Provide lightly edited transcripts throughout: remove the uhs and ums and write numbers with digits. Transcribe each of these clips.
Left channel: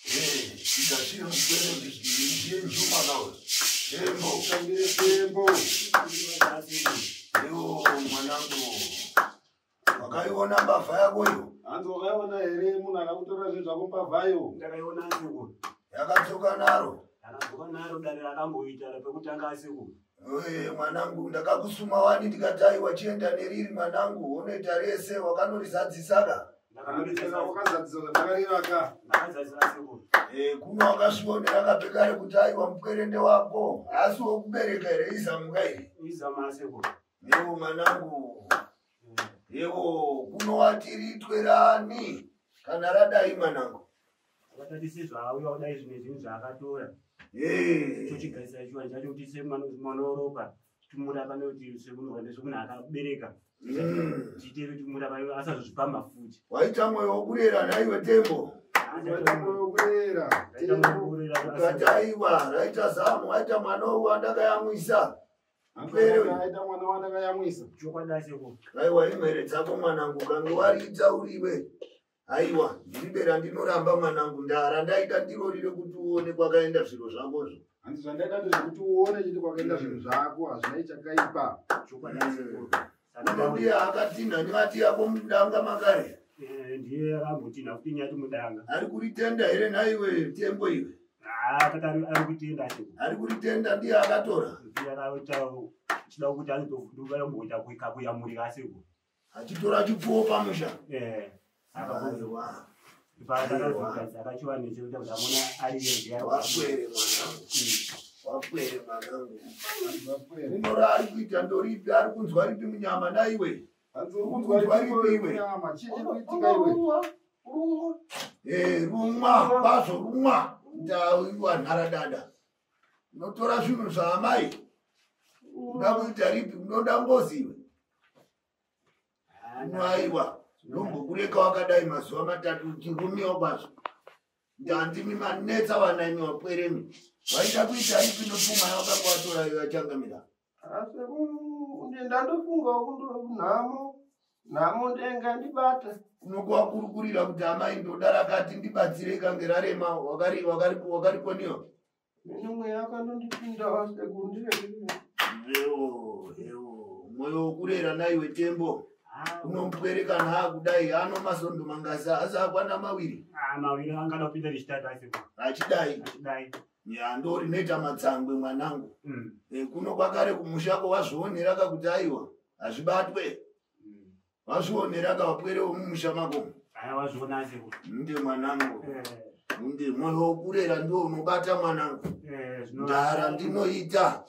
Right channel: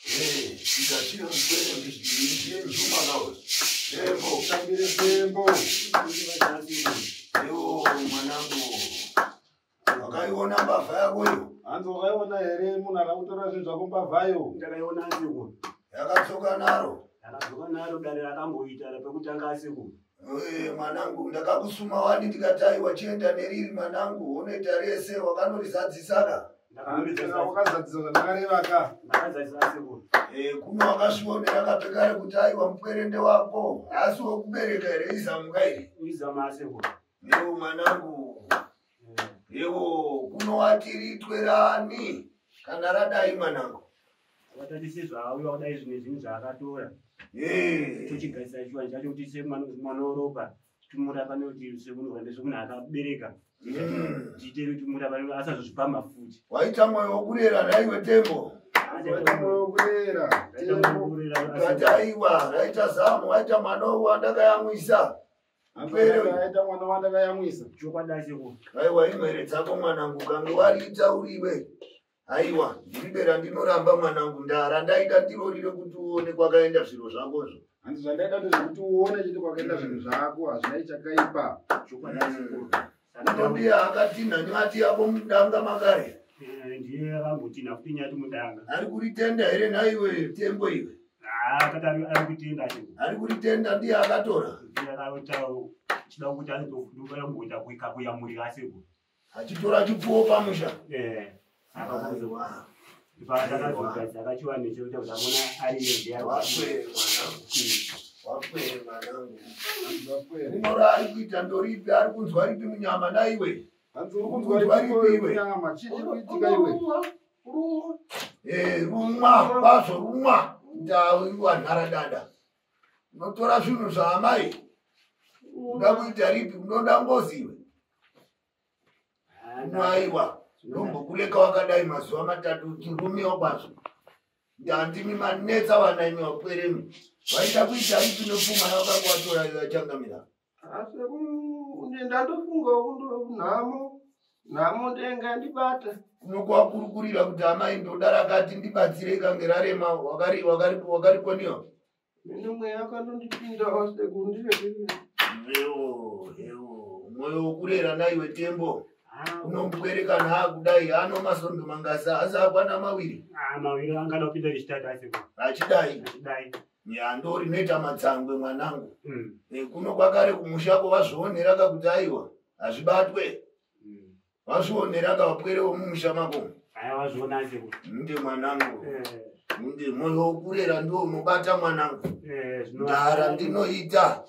Ndachira mkwere ndishiriye nzuma nawe. Tembo. Ewo mwanangu. Wakaiona mbavha yako iyo? Anzo wakaiona here munhu akakutora zvinhu zvako mbavhayo. Ndakaiona asiku. Yakatsoka naro. Yakatsoka naro dare rakamboita repekutanga asiku. Mwanangu ndakakusuma wani ndikati wachienda neriri mwanangu unoita rese wakanorizadzisaka. Wakazadzisa ndakarevaka. Ndakazadzisa asiku. Kuno wakasvionera kapekare kuti aiwa mupwerende wako asi wokubereka here izamuka iri. Izama asiku. Ewo mwanangu. Ewo kuno watiritwerani kana radai mwanangu. Watatisizwa auya udai zvimwe zvinhu zvaakatora. Tichigaisa chiwanja chacho kuti semwana woropa timurapa nekuti semunhu wende semunhu akabereka. Tiite kuti murapa asazozvipa mafuti. Waita mwoyo wokurera naiwe Tembo. Waita mwoyo wokurera. Aiwa raita zamu waita mwana wandakayamwisa. Aita mwana wandakayamwisa. Chokwadi seko. Aiwa imwere dzako mwanangu kange wariita uriwe. Aiwa ndibera ndinoramba mwanangu ndara ndaita ndirorire kuti uone kwakaenda zviro zvakozvo. Hanzi zvandaita ndezvekuti uone chiti kwakaenda zvinhu zvako hazvinai chakaipa. Chokwadi seko. Ndombi akatinha nyati yako mudanga makare. Ndiye akambotinha kuti nyati mudanga. Ari kuritenda here naiwe Tembo iwe? Akatari ari kutenda seko. Ari kuritenda ndiye akatora. Ndiye akaita chida kuti anotofuduka yamboita kuyamurika seko. Achitora chipfuwo pamusha. Aiwa. Akachiwa nechekuita kuti amona ariyo ndiye wapwere mwanangu. Wapwere mwanangu. Unora ari kuita ndoripi ari kunzwa ripi munyama naiwe? Kunzwa ripi iwe? Chichi kuitika iwe? Rumwa, kwazo rumwa. Ndaiwa nharadada. Unotora zvinhu zvaamai. Unoda kuita ripi? Unoda ngozi iwe? Aiwa. Ndombokureka wakadai mazuva matatu chirumiwa kwazo. Ndandimi manetsa wanaimi wapweremu. Waita kuita ripi nopfuma yakanga watora iwe achangamira? Asi ndandofunga nhamo ndenga ndibata. Kunokuwakurukurira kuti amai ndoda rakati ndibatsire ikange rarema wakarikoniwa. Mimwe yakandondipinda wase kundireke. Mwoyo wokurera naiwe Tembo. Unombwereka naakudai ano masondo mangasa asi akwana mawiri. Mawiri angada kupinda chitatu asiko. Achidai. Nyandori noita matsangwe mwanangu. Kuno kwakare kumushako wazvionera kakuti aiwa hazvibatwe. Wazvionera kawapwere womumusha mako. Wazviona asiko. Nde mwanangu. Nde mwoyo wokurera ndio unobata mwanangu. Ndara ndinoita.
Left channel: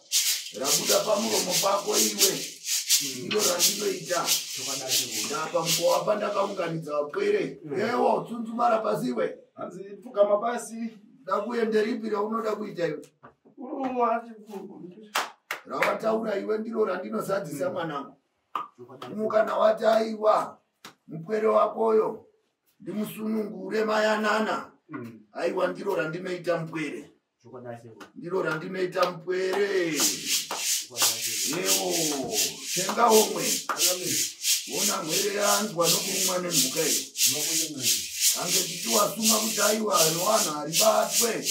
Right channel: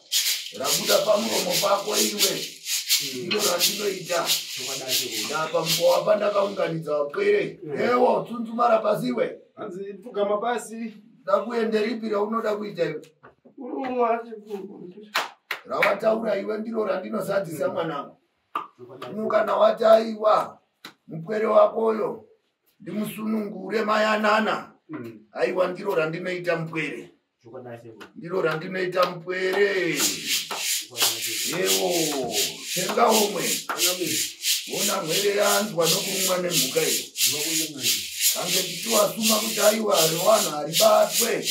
Rabuda pamuromo pako iwe. Ndiro randinoita. Ndapa mbowa pandakaunganidza wapwere. Ewo tsundzumara pasiwe. Hanzi pfugama pasi. Ndakuende ripi raunoda kuita iwe? Rawataura iwe ndiro randinosadzisa mwanangu. Kana wati aiwa mupwere wakoyo ndimusunungure mayanana. Aiwa ndiro randinoita mupwere. Ndiro randinoita mupwere. Ewo tenga omwe. Ona mwere yanzwa nokumwa nemhuka iyi. Ange tichiwasuma kuti aiwa rowana haribatwe.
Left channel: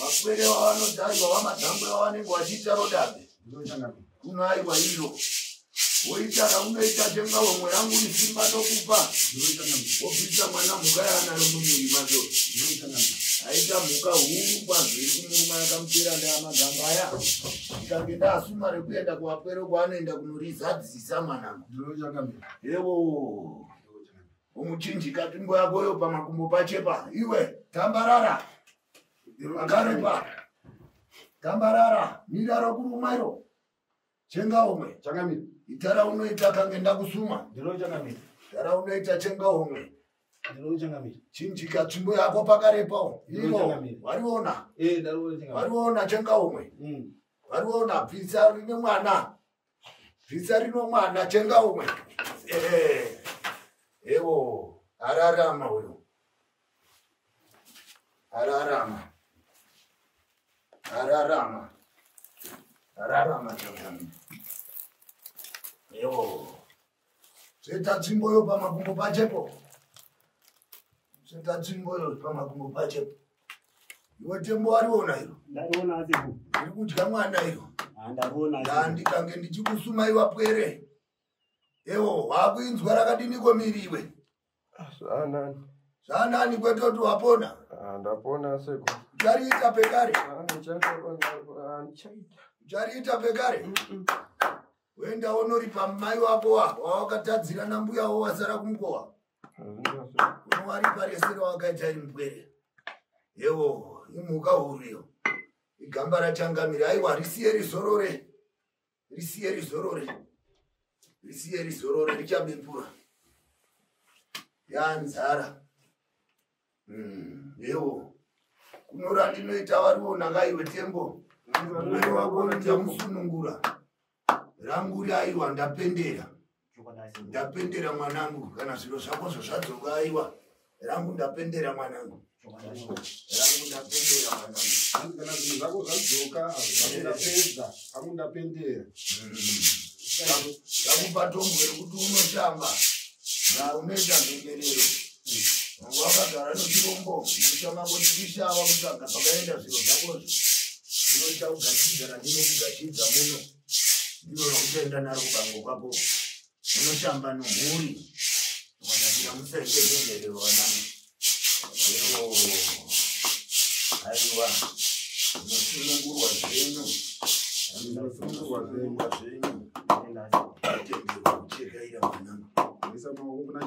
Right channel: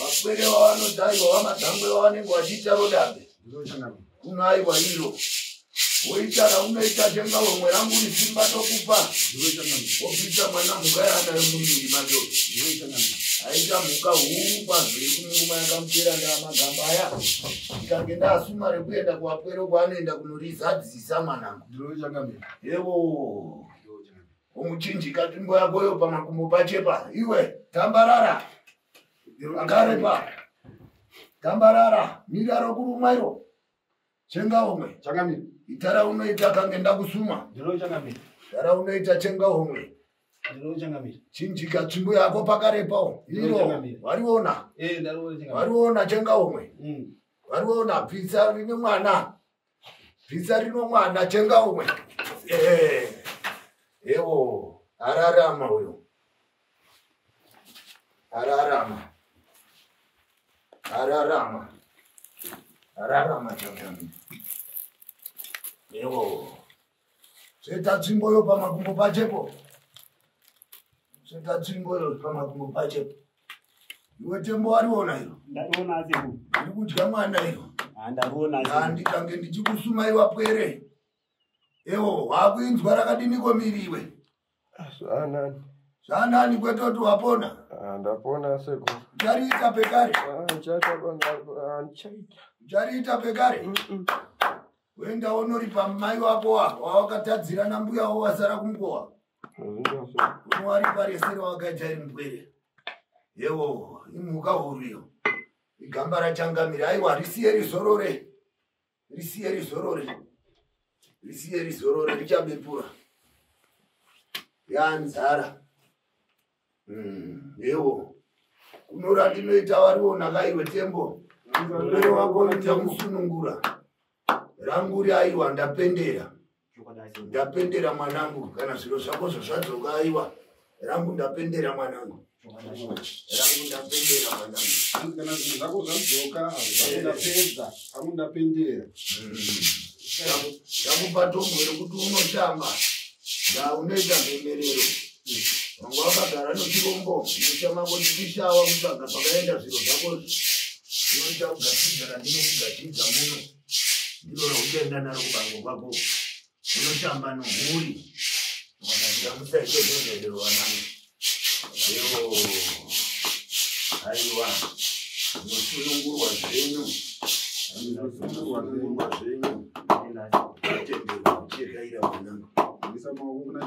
Wapwere wavanoti aiwa wamadhangwe wavanenge wachiita rodambe. Kuno aiwa iro. Woita raunoita tenga omwe rangu risimba tokupa. Wobvisa mwana mhuka yaanayo mumiri macho. Aita mhuka huru kwazvo yekumuruma yakamupera ndamagamba aya. Ikange ndasuma rekuenda kuwapwere kwaanoenda kunorizadzisa mwanangu. Ewo. Umuchinjika timbo yakoyo pamakumbo pachepa. Iwe tambarara. Akarepa. Tambarara. Miraro kurumairo. Chenga omwe. Changamira. Itara unoita kange ndakusuma. Ndiro changamira. Itara unoita chenga omwe. Ndiro changamira. Chinjika timbo yako pakarepawo. Iro. Wariona. Ndaro changamira. Wariona chenga omwe. Wariona pizza rine mwana. Pizza rino mwana chenga omwe. Ewo, ararama uyo. Ararama. Chakani. Ewo. Seta tsimbo yo pamakumbo pachepo. Senta tsimboro kama kumpache. Iwe tembo waliona hilo. Ndariona aziku. Ndikudya mwana hilo. Ndariona aziku. Ndikange ndichikusuma iwa pwere. Ewo wakuinzwa rakadini komiriwe. Zanani kwetoti wapona? Ndapona seko. Uchariita pekare? Uchariita pekare? Wenda unoripa mai wako wawakatadzira nambuya wasara kumkowa. Unwari paresera wakaita mpwere. Yewo, imuka huriyo. Igamba rachangamira. Aiwa, risiye rizorore. Risiye rizorore. Risiye rizorore. Richabepura. Yanzara. Yewo. Kunora ndinoita wariona kaiwe tembo. Mwana wako nitamusunungura. Ranguri aiwa ndapendera. Ndapendera mwanangu. Kana zviro zvako zvadzoka aiwa. Rangu ndapendera mwanangu. Rangu ndapendera mwanangu. Kana zvinhu zvako zvadzoka ndapedza. Rangu ndapendera. Ndakupa tombo rekuti unoshamba. Unoita mhemerero. Wangu wakagara nechirombo. Mushama kuchishawa kutsvaga pakaenda zviro zvako. Unoita kugashidza ndinokugashidza muno. Ndino uchienda naro kubango kwako. Unoshamba nomhuri. Wadakuita ichozenzerero wanangu. Yewo. Aiwa. Unosunungurwa zvenyu. Unosunungurwa zvenyu. Atendera kuchekaira mwanangu. Ndisa maungu na